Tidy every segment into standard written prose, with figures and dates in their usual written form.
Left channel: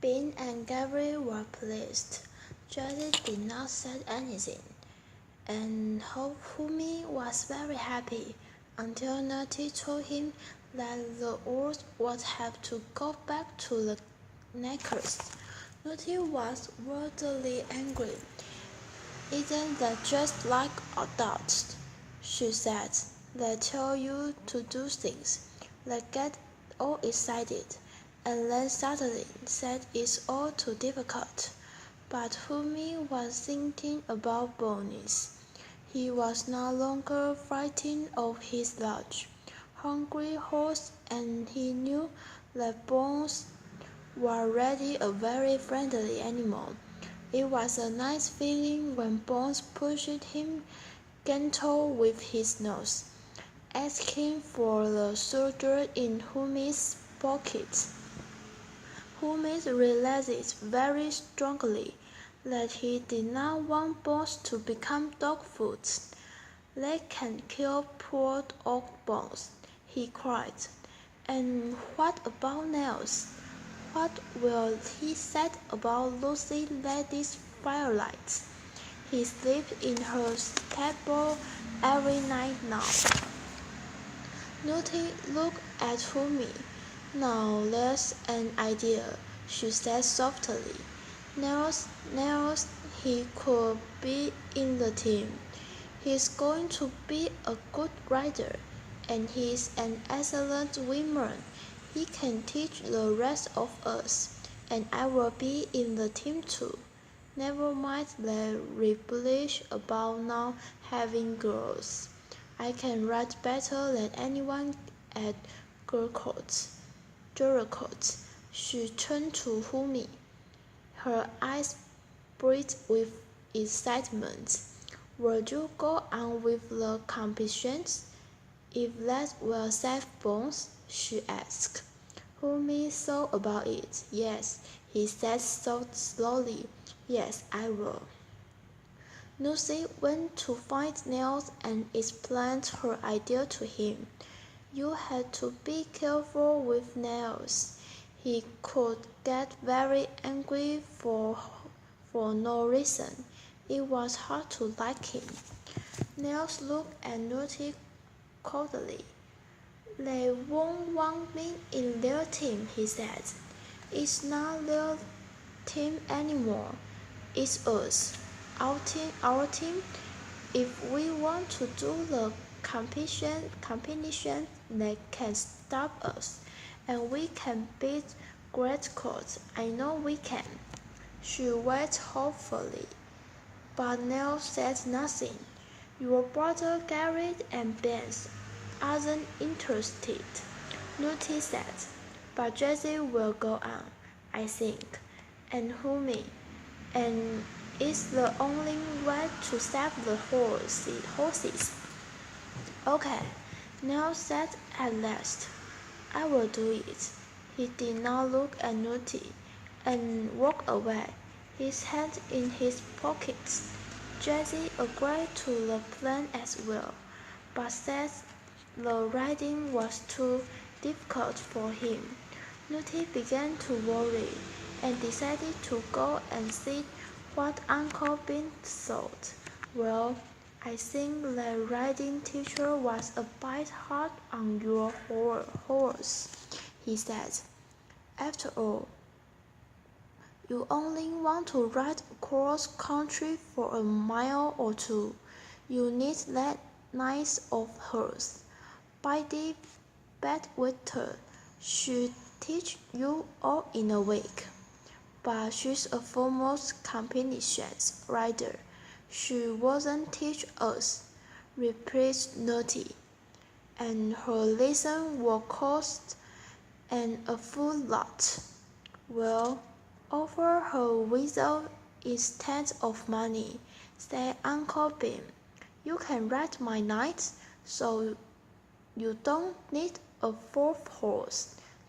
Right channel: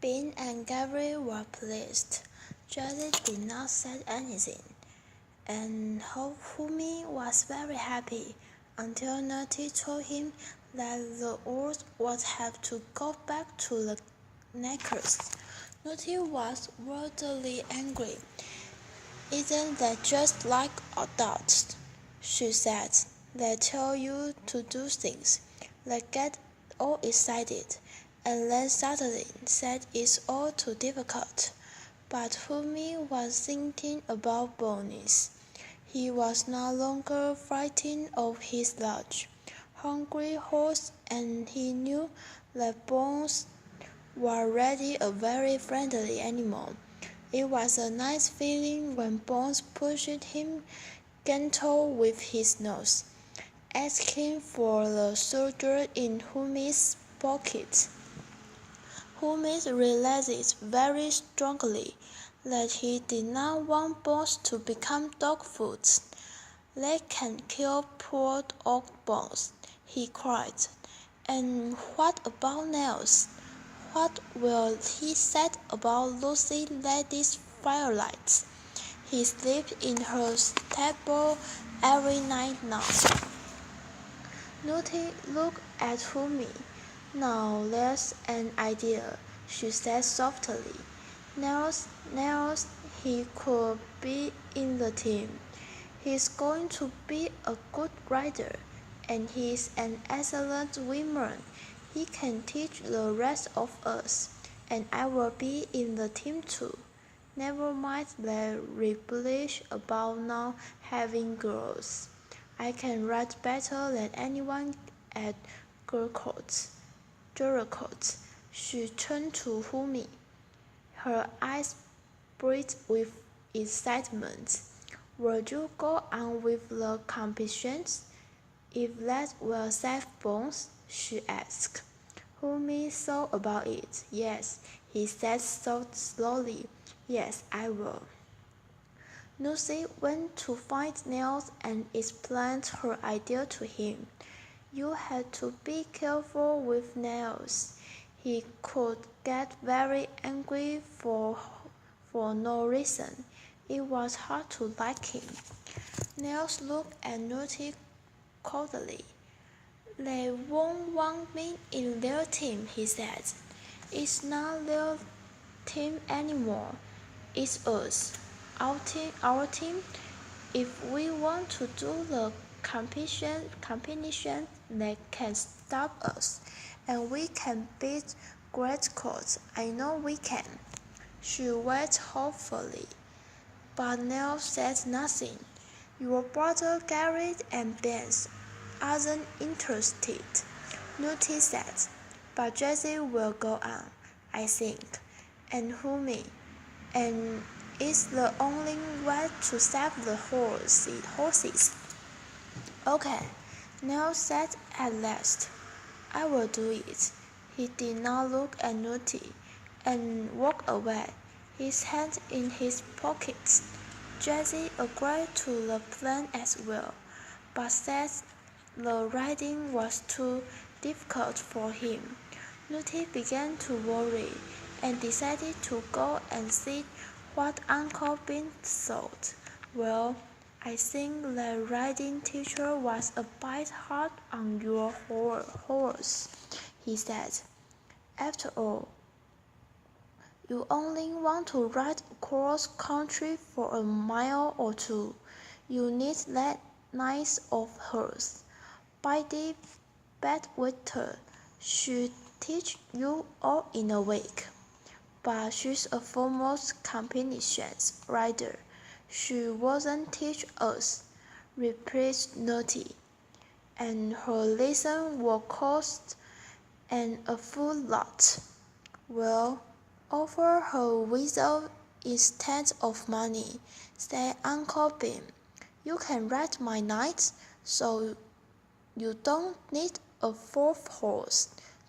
Ben and Gary were pleased. Jesse did not say anything, and Humi was very happy until Natty told him that the wolves would have to go back to the necklace. Natty was wildly angry. "Isn't that just like adults?" she said. "They tell you to do things. They get all excited, and then suddenly say it's all too difficult." But Fumi was thinking about Bonis. He was no longer frightened of his large, hungry horse, and he knew that Bones was already a very friendly animal. It was a nice feeling when Bones pushed him gentle with his nose, asking for the soldier in Humi's pocket. Humi realized very strongly that he did not want Bones to become dog food. "They can kill poor old Bones," he cried. "And what about Nels? What will he say about Lucy Lady's Firelight? He sleeps in her stable every night now." Nutty looked at Fumi. "Now there's an idea," she said softly. Nels, he could be in the team. He's going to be a good rider, and he's an excellent swimmer. He can teach the rest of us, and I will be in the team too. Never mind the rubbish about not having girls. I can ride better than anyone at Jericho's. She turned to Humi, her eyes bright with excitement. "Will you go on with the competitions? If that will save Bones?" she asked. Humi thought about it. "Yes," he said so slowly. "Yes, I will." Lucy went to find Nels and explained her idea to him. "You had to be careful with Nels. He could get very angry for no reason. It was hard to like him." Nels looked at Lucy coldly. "They won't want me in their team," he said. "It's not their team anymore. It's us. Our team. If we want to do the competition, they can stop us, and we can beat Great Court. I know we can." She waited hopefully, but Neil said nothing. "Your brother Garrett and Ben aren't interested," Nutty said. "But Jesse will go on, I think, and Humi, and it's the only way to save the horses." "Okay," Neil said at last. "I will do it." He did not look at Nutty, and walked away, his hand in his pockets. Jesse agreed to the plan as well, but said the riding was too difficult for him. Nutty began to worry, and decided to go and see what Uncle Ben thought. "Well, I think the riding teacher was a bit hard on your horse," he said. "After all, you only want to ride across country for a mile or two. You need that nice of hers. Biddy Badwater should teach you all in a week." "But she's a foremost competitions rider. She won't teach us," replied Nutty. "And her lesson will cost an awful lot." "Well, offer her without instead of money," said Uncle Ben. "You can ride my knights, so you don't need a fourth horse."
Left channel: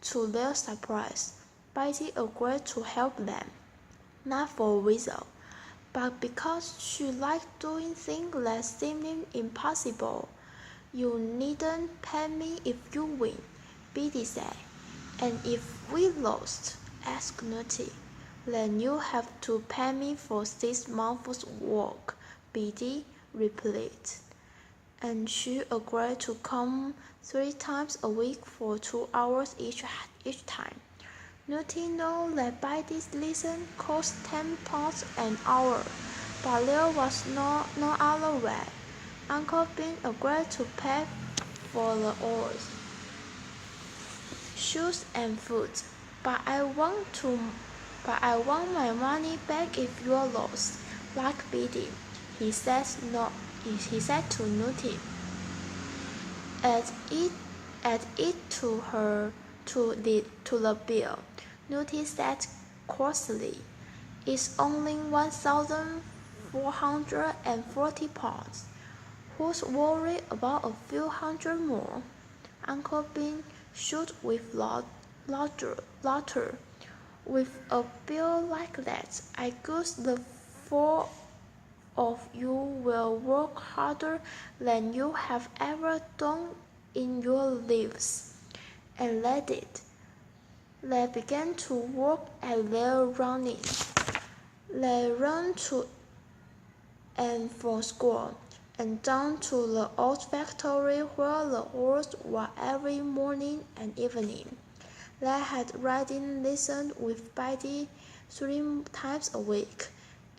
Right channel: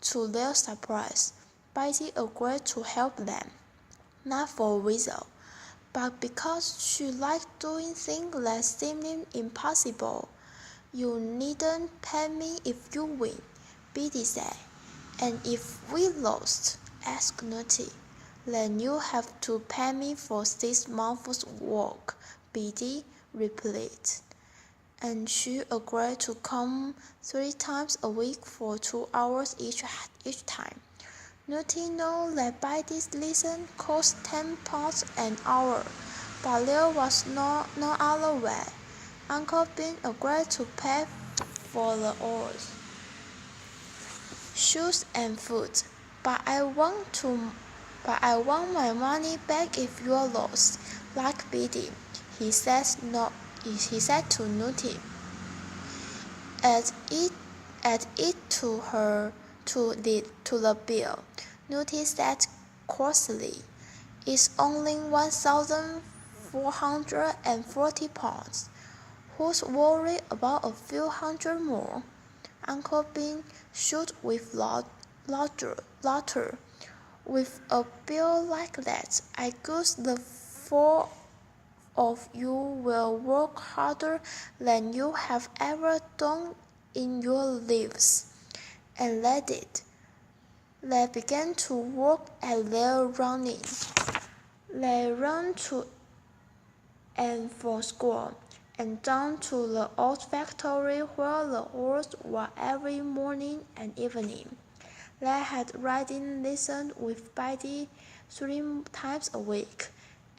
To their surprise, Biddy agreed to help them, not for Weasel, but because she liked doing things that seemed impossible. "You needn't pay me if you win," Biddy said, "and if we lost, asked Nutty. "Then you have to pay me for 6 months' work," Biddy replied. And she agreed to come 3 times a week for 2 hours each time. Nutty knew that Biddy's lesson cost £10 an hour, but there was no other way. Uncle Ben agreed to pay for the hours, shoes and food. But I want my money back if you're lost, like Biddy," he said to Nutty. Add it to the bill," Nutty said crossly. "It's only £1,440. Who's worried about a few hundred more?" Uncle Ben shook with laughter. "With a bill like that, I guess the 4 of you will work harder than you have ever done in your lives." And they did. They began to work at their running. They ran to and from school, and down to the old factory where the horses were every morning and evening. They had riding lessons with Biddy 3 times a week,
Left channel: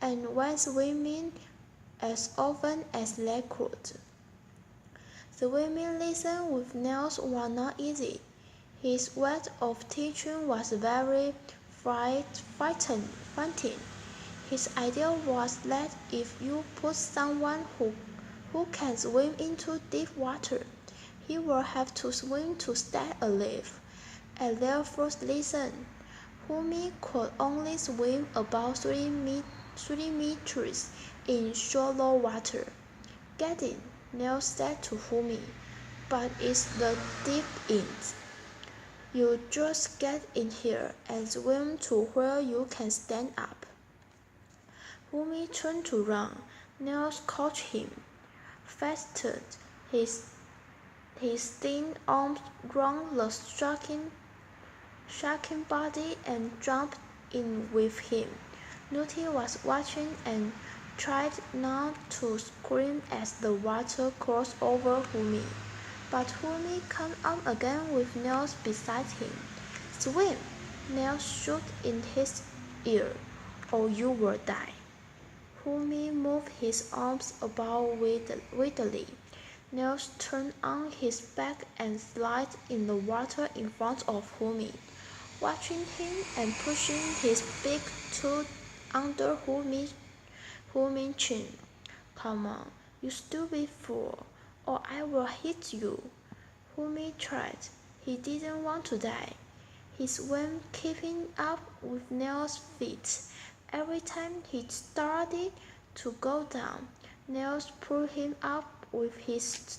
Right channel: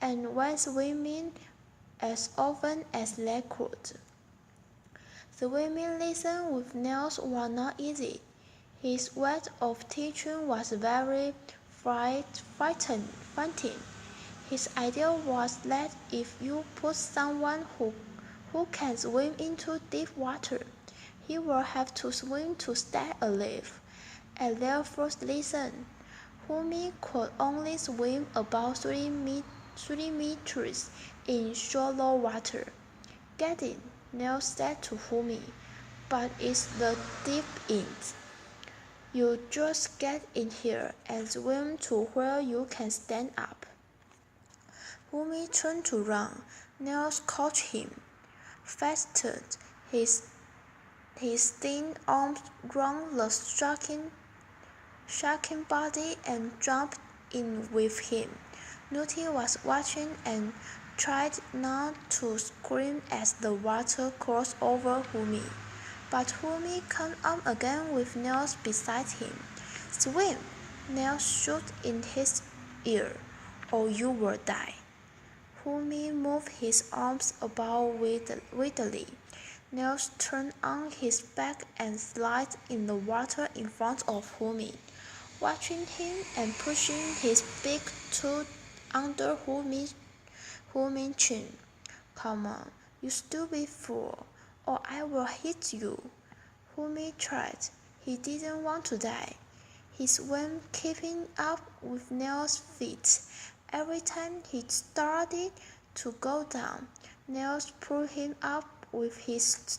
and went swimming as often as they could. Swimming lessons with Nels were not easy. His way of teaching was very frightening. His idea was that if you put someone who can swim into deep water, he will have to swim to stay alive. At their first lesson, Humi could only swim about 3 meters in shallow water. "Get in," Nels said to Humi, "but it's the deep end. You just get in here and swim to where you can stand up." Humi turned to run. Nels caught him, fastened his thin arms round the shaking body, and jumped in with him. Nutty was watching and tried not to scream as the water crossed over Humi. But Humi came up again with Nels beside him. "Swim!" Nels shouted in his ear, "or you will die." Humi moved his arms about weirdly. Nels turned on his back and slid in the water in front of Humi, watching him and pushing his big toe under Humi's chin. "Come on, you stupid fool, or I will hit you." Humi tried. He didn't want to die. He swam, keeping up with Nels' feet. Every time he started to go down, Nels pulled him up with his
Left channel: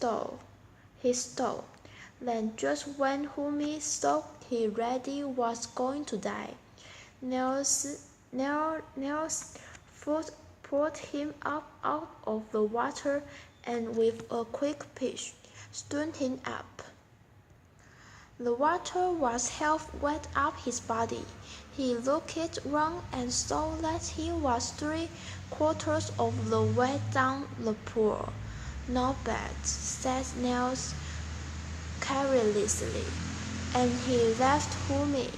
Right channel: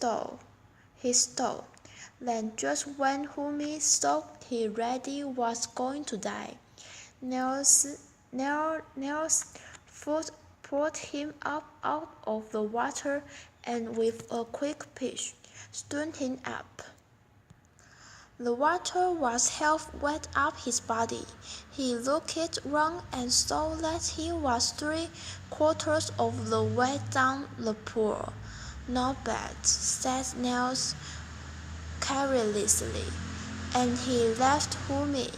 toe. Then, just when Humi thought he really was going to die, Nels' foot pulled him up out of the water and with a quick pitch, stood him up. The water was half wet up his body. He looked round and saw that he was 3/4 of the way down the pool. "Not bad," said Nels carelessly, and he left Humi,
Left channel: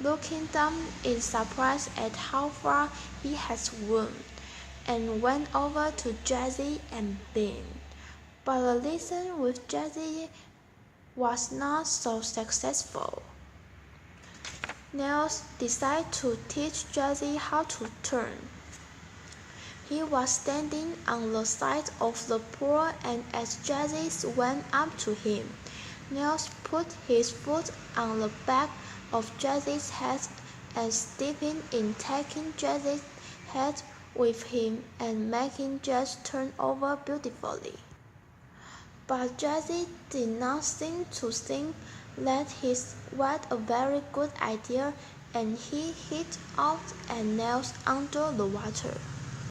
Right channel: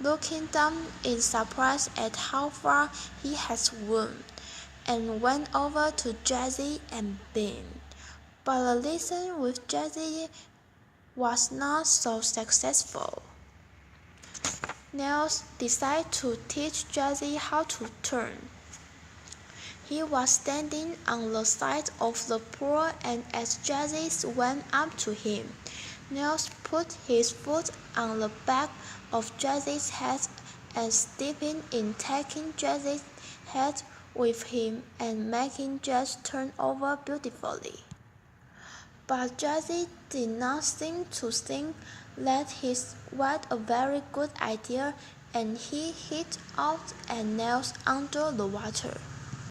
looking down in surprise at how far he had swum, and went over to Jessie and Ben. But the lesson with Jessie was not so successful. Nels decided to teach Jessie how to turn. He was standing on the side of the pool, and as Jessie swam up to him, Nels put his foot on the back of Jessie's head and stepping in, taking Jessie's head with him and making Jess turn over beautifully. But Jessie did not seem to think that his was a very good idea, and he hit out at Nels under the water.